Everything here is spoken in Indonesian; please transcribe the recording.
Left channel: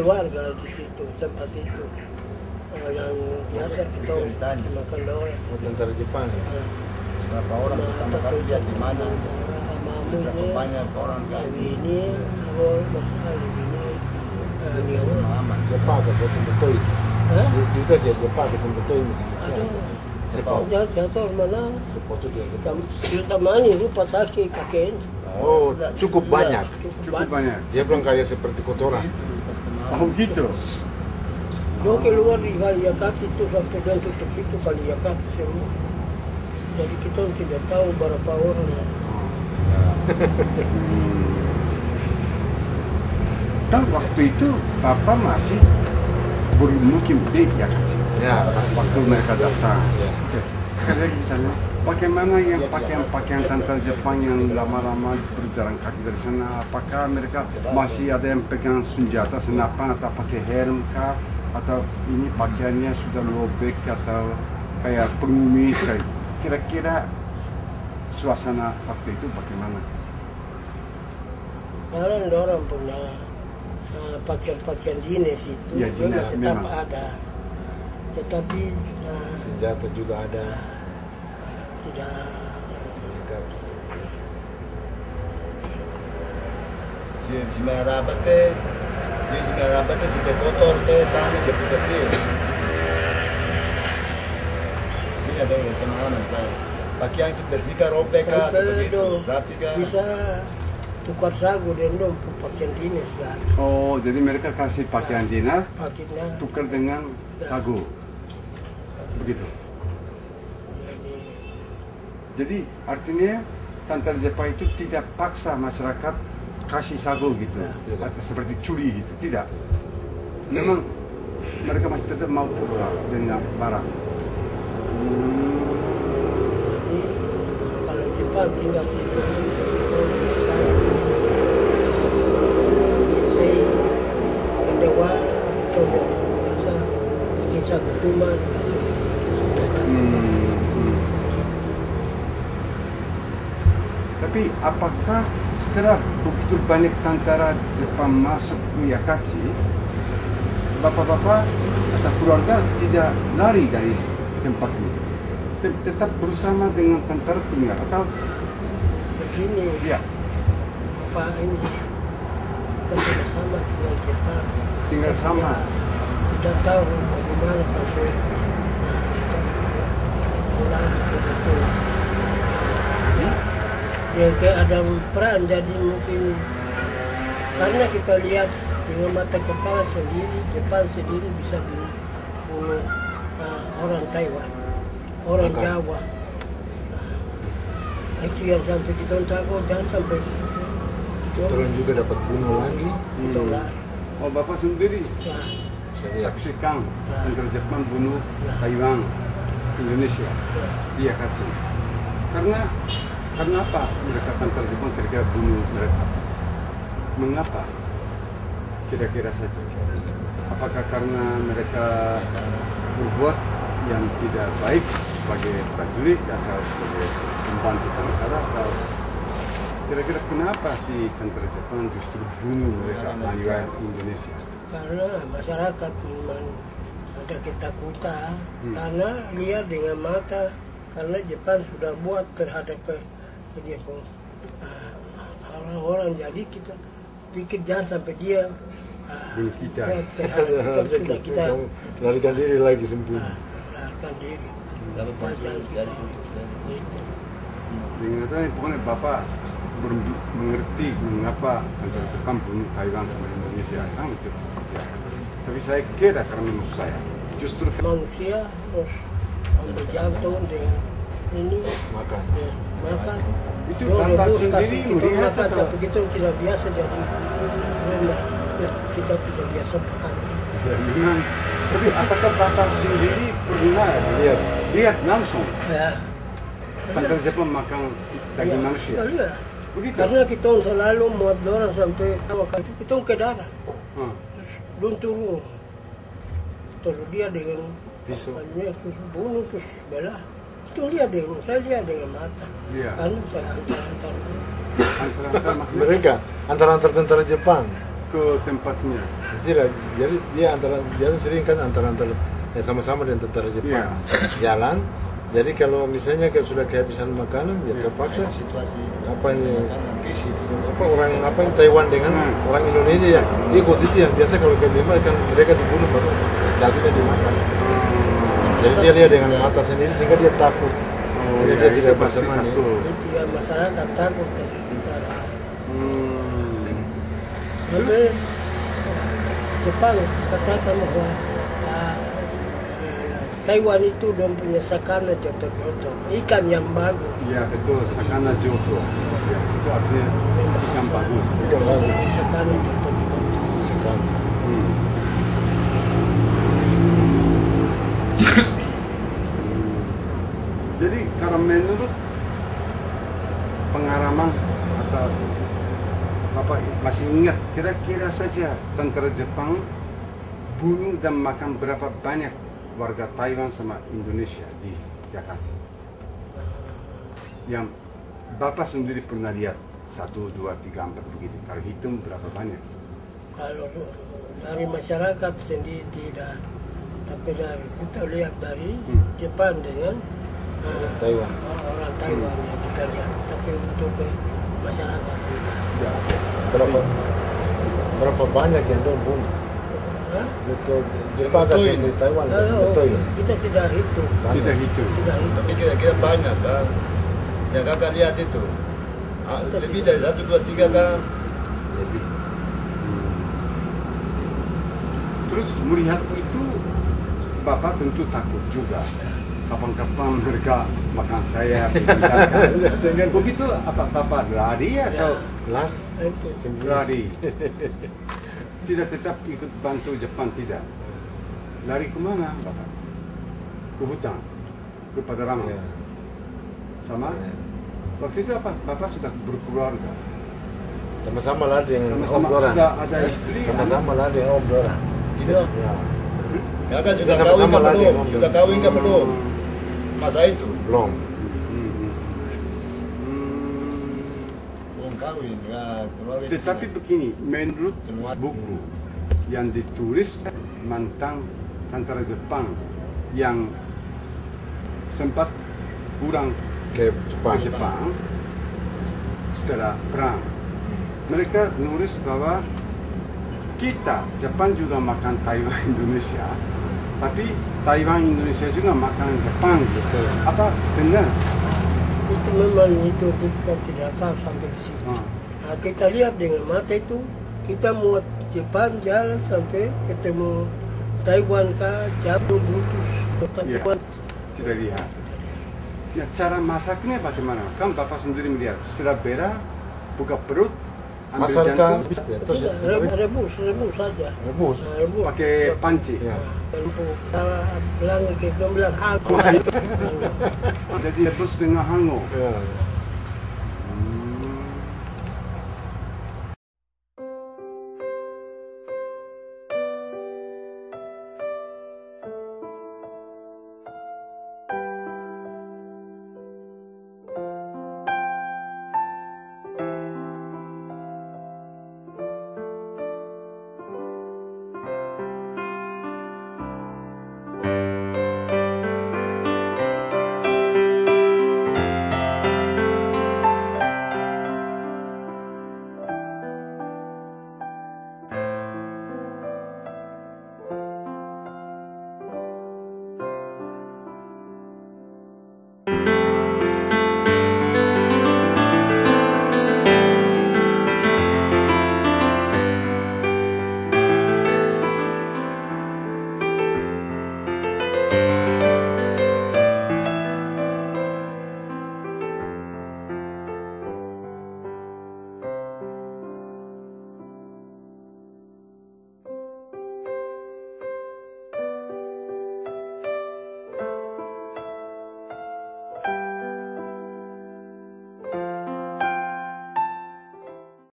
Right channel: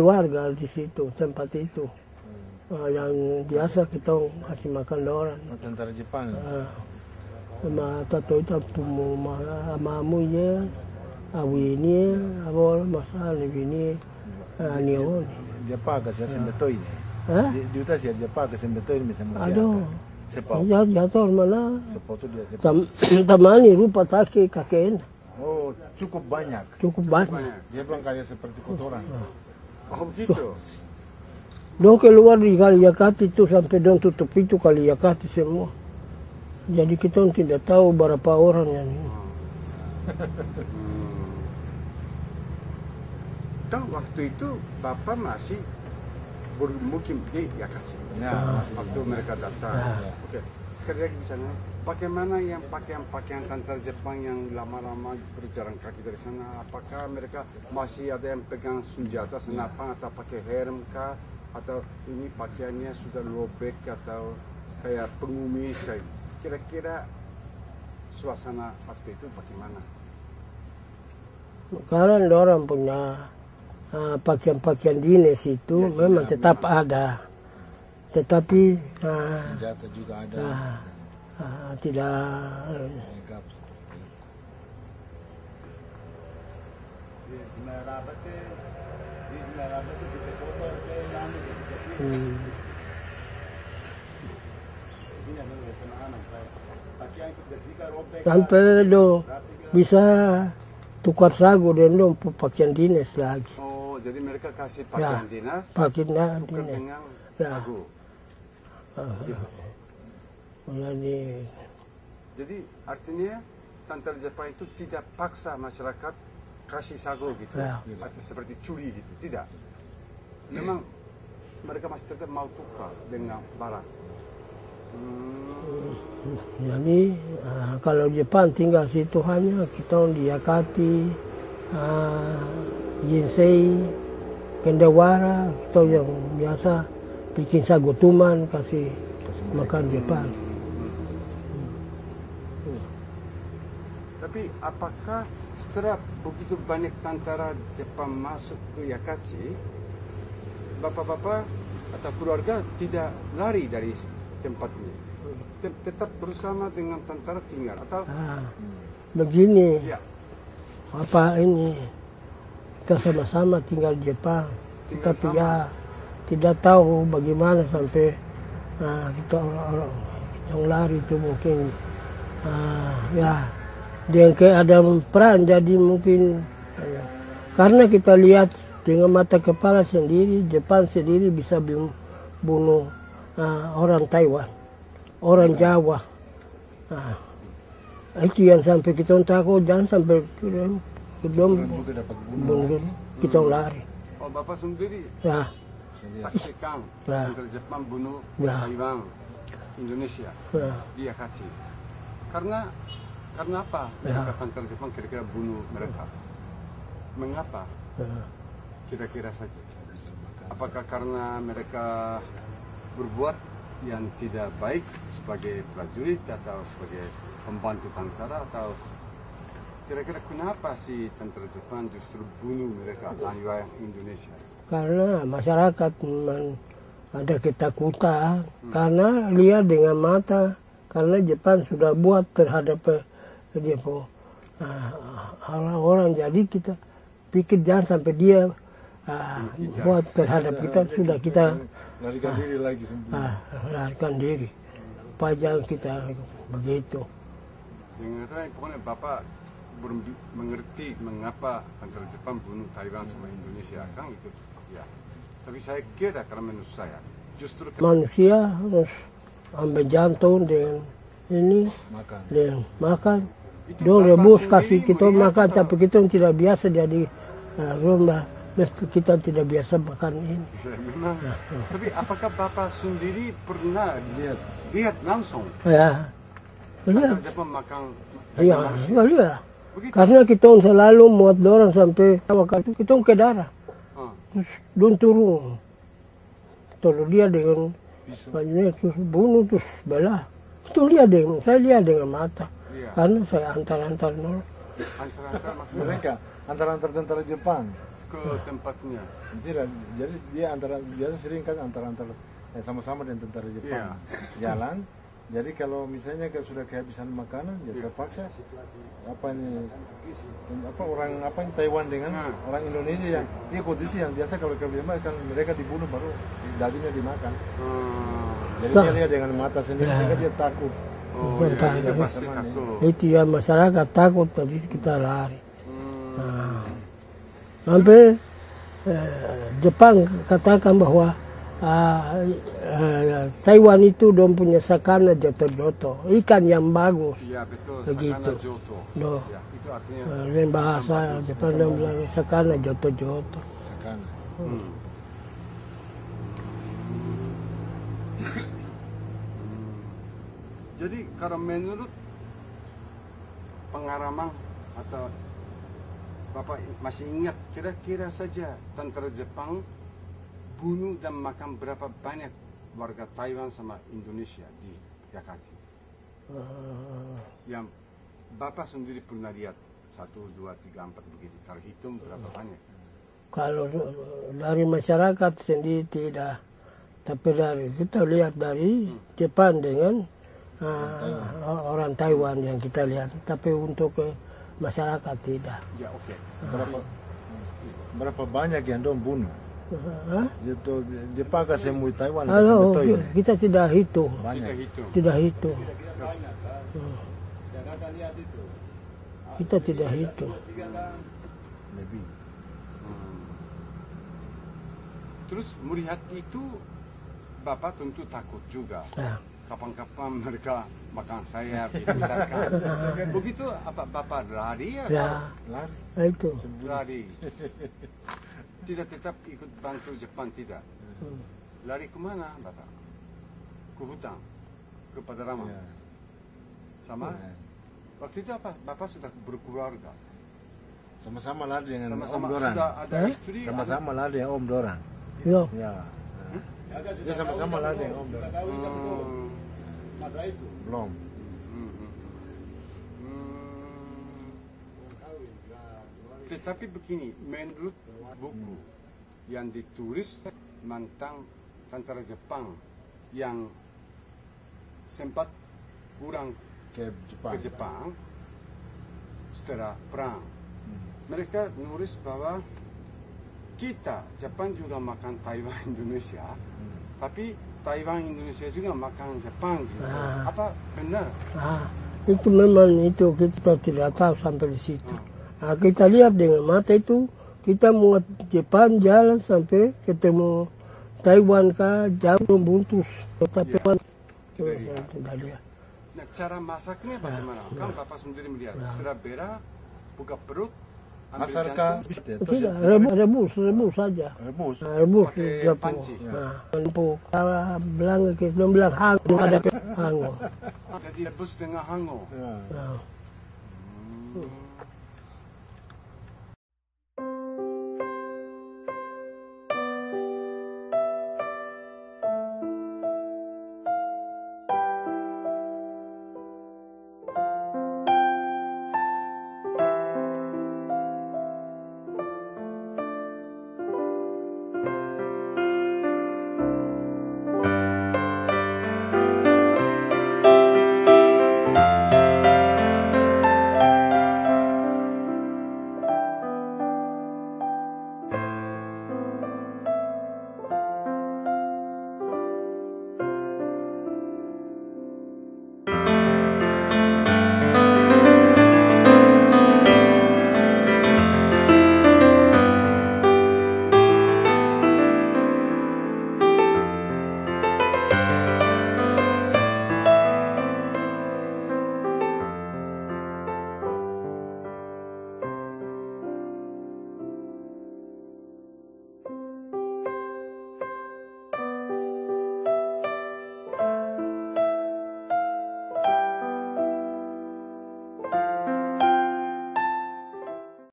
keluarga di situ tempat itu. Nah, yang biasa kita makan orang. Tentara Jepang. Berapa orang pertama kali lihat di mana? Mamunya, Banyak orang kan. ini, awal masalah ini, ini Aman. Jepang kasi betul. Hah? Kita sih Jepang kasi betul ini. Aduh, Sepau. jatuh mana? Sepatu dia. Tamani rupa sakit kakek Oh, cukup banyak. cukup banyak. Dia bilang kayak seperti kotoran. Oh gitu. Dong keluar di Kaliakati itu sampai dong tutup itu Kaliakati semua. Jadi kita tidak tahu berapa orang yang Kan waktu itu Bapak masih bermukim di Jakarta. Ya, masih. Waktu mereka datang. Ya. Oke. Sekarang misalnya, bagaimana yang pakaian-pakaian tentara Jepang yang lama-lama berjalan kaki dari sana? Apakah mereka masih ada yang pegang senjata senapan atau pakai helm kah? Atau ini pakaiannya sudah lobek atau kayak pengemis kayak kira-kira suasana waktu itu bagaimana? sekarang orang punya pakaian-pakaian dinas itu Ya, memang dinas, tetap memang. ada. Tetapi Senjata juga ada. tidak Si Merabat teh, si Merabat teh si kotor teh, tani seperti sih. Ini ada yang pengalaman kan. Pakaian itu bersih kah, robek kah, sampai do rapi kah? bisa tukar sagu dan dong pakaian dinas lagi. Oh, jadi mereka kasih pakaian dinas Pakaian tukar dengan Ya. sagu. Begitu. Jadi artinya tentara Jepang itu tidak paksa masyarakat kasih sagu gitu, Ya. atau seperti curi gitu, tidak. Memang mereka masih tetap mau tukar dengan barang. Jadi kalau Jepang tinggal situ hanya kita lihat kaki, Yinsei, Kendawara atau yang biasa bikin sagu tuman kasih makan Jepang. Tapi apakah setelah begitu banyak tentara Jepang masuk ke Yakachi, bapak-bapak atau keluarga tidak lari dari tempat ini? Tetap bersama dengan tentara tinggal atau Begini, ya apa ini kita sama-sama tinggal di Jepang. tinggal Kita sama? tidak tahu bagaimana sampai kita lari betul. Ya, dia kayak ada peran jadi mungkin karena kita lihat dengan mata kepala sendiri Jepang sendiri bisa bunuh orang Taiwan, orang Jawa. Nah, itu yang sampai kita takut jangan sampai Orang juga dapat bunuh lagi. kita lari. Oh, bapak sendiri Ya, saksikan Ya. tentara Jepang bunuh Ya. Taiwan Indonesia ya. di Yakachi. Karena apa mereka tentara Jepang kira-kira bunuh mereka? Mengapa? Kira-kira saja. Apakah karena mereka berbuat yang tidak baik sebagai prajurit atau sebagai pembantu tentara atau kira-kira kenapa si tentara Jepang justru bunuh mereka Taiwan Indonesia? Karena masyarakat memang ada ketakutan karena lihat dengan mata karena Jepang sudah buat terhadap dia pun orang-orang jadi kita pikir jangan sampai dia buat terhadap kita sudah kita larikan diri lagi sembunyi. larikan diri pajang kita begitu. Dengan pokoknya Bapak mengerti mengapa tentara Jepang bunuh Taiwan sama Indonesia kan itu. Ya. Tapi saya kira karena menurut saya justru Manusia harus ambil jantung dengan ini Makan. dan makan. itu Dong Bapak rebus sendiri kasih kita melihat makan atau- tapi kita tidak biasa jadi rumah kita tidak biasa makan. Ya, memang. Tapi apakah Bapak sendiri pernah Iya. lihat langsung Ya, tentara Jepang makan ya, daging manusia? ya. Begitu? Karena kita selalu muat dorang sampai waktu kita ke darah, Ah. terus don turun, terus dia dengan Pisau. terus bunuh terus belah. Itu lihat dengan saya lihat dengan mata, Iya. karena saya antar Antara maksudnya Mereka antara tentara Jepang. ke tempatnya. Tidak, jadi dia biasa sering kan antara yang sama-sama dengan tentara Jepang jalan. Jadi kalau misalnya sudah kehabisan makanan, ya terpaksa Situasi apa ini krisis. apa yang Taiwan dengan orang Indonesia ya ikut itu yang biasa kalau kelima kan mereka dibunuh baru dagingnya dimakan. Jadi dia dengan mata sendiri sehingga dia takut. Dia tidak berseman ya. Itu ya masyarakat takut jadi kita lari. Sampai Jepang katakan bahwa Taiwan itu dong punya sakana joto-joto, ikan yang bagus. Iya betul, sakana joto. Itu artinya Ini bahasa sakana joto-joto. Sekali. Jadi kalau menurut pengalaman atau Bapak masih ingat kira-kira saja tentara Jepang bunuh dan makan berapa banyak warga Taiwan sama Indonesia di Jakarta? Yang Bapak sendiri pernah lihat 1, 2, 3, 4 begitu. Kalau hitung berapa banyak? Kalau dari masyarakat sendiri tidak, tapi dari kita lihat dari Jepang dengan Taiwan. orang Taiwan yang kita lihat, tapi untuk masyarakat tidak. Ya, Berapa banyak yang dong bunuh? Hah? Untuk Jepang kasih di Taiwan. Betul ya. Kita tidak hitung, kita hitung. tidak Tapi hitung. kira-kira banyak kan? Yang kakak lihat itu. Lebih dari 1, 2, 3 kan? Lebih. Terus melihat itu Bapak tentu takut juga. Kapan-kapan mereka makan saya, misalkan. Begitu apa Bapak lari atau Lah, Itu. lari? Tidak tetap ikut bantu Jepang, tidak. Lari kemana Bapak? Ke hutan, ke Padarama. Ya. Sama? Waktu itu apa? Bapak sudah berkeluarga. Sama-sama lah dengan Sama-sama Om Dora. sudah ada istri. Sama-sama lah dengan Om Dora. Tidak. Ya. Kakak sudah Sama-sama kawin kan lagi, belum? Om. Sudah kawin kan belum? Masa itu? Belum. Belum kawin, ya. Keluarga itu. Tetapi begini, menurut buku yang ditulis mantan tentara Jepang yang sempat pulang Ke Jepang. ke Jepang setelah perang, mereka nulis bahwa kita Jepang juga makan Taiwan Indonesia, tapi Taiwan Indonesia juga makan Jepang gitu. Apa benar? Itu memang itu kita tidak tahu sampai di situ. Nah, kita lihat dengan mata itu, kita mau Jepang jalan sampai ketemu Taiwan kah jauh putus. Ya, tidak lihat. Ya, cara masaknya bagaimana? Kan Bapak sendiri melihat setelah berak, buka perut, ambil Masarkan. jantung, Terus Tidak, rebus saja. rebus. Nah, rebus. pakai panci. Ya. Bilang ke belum bilang hangu. Jadi rebus dengan hango. Ya.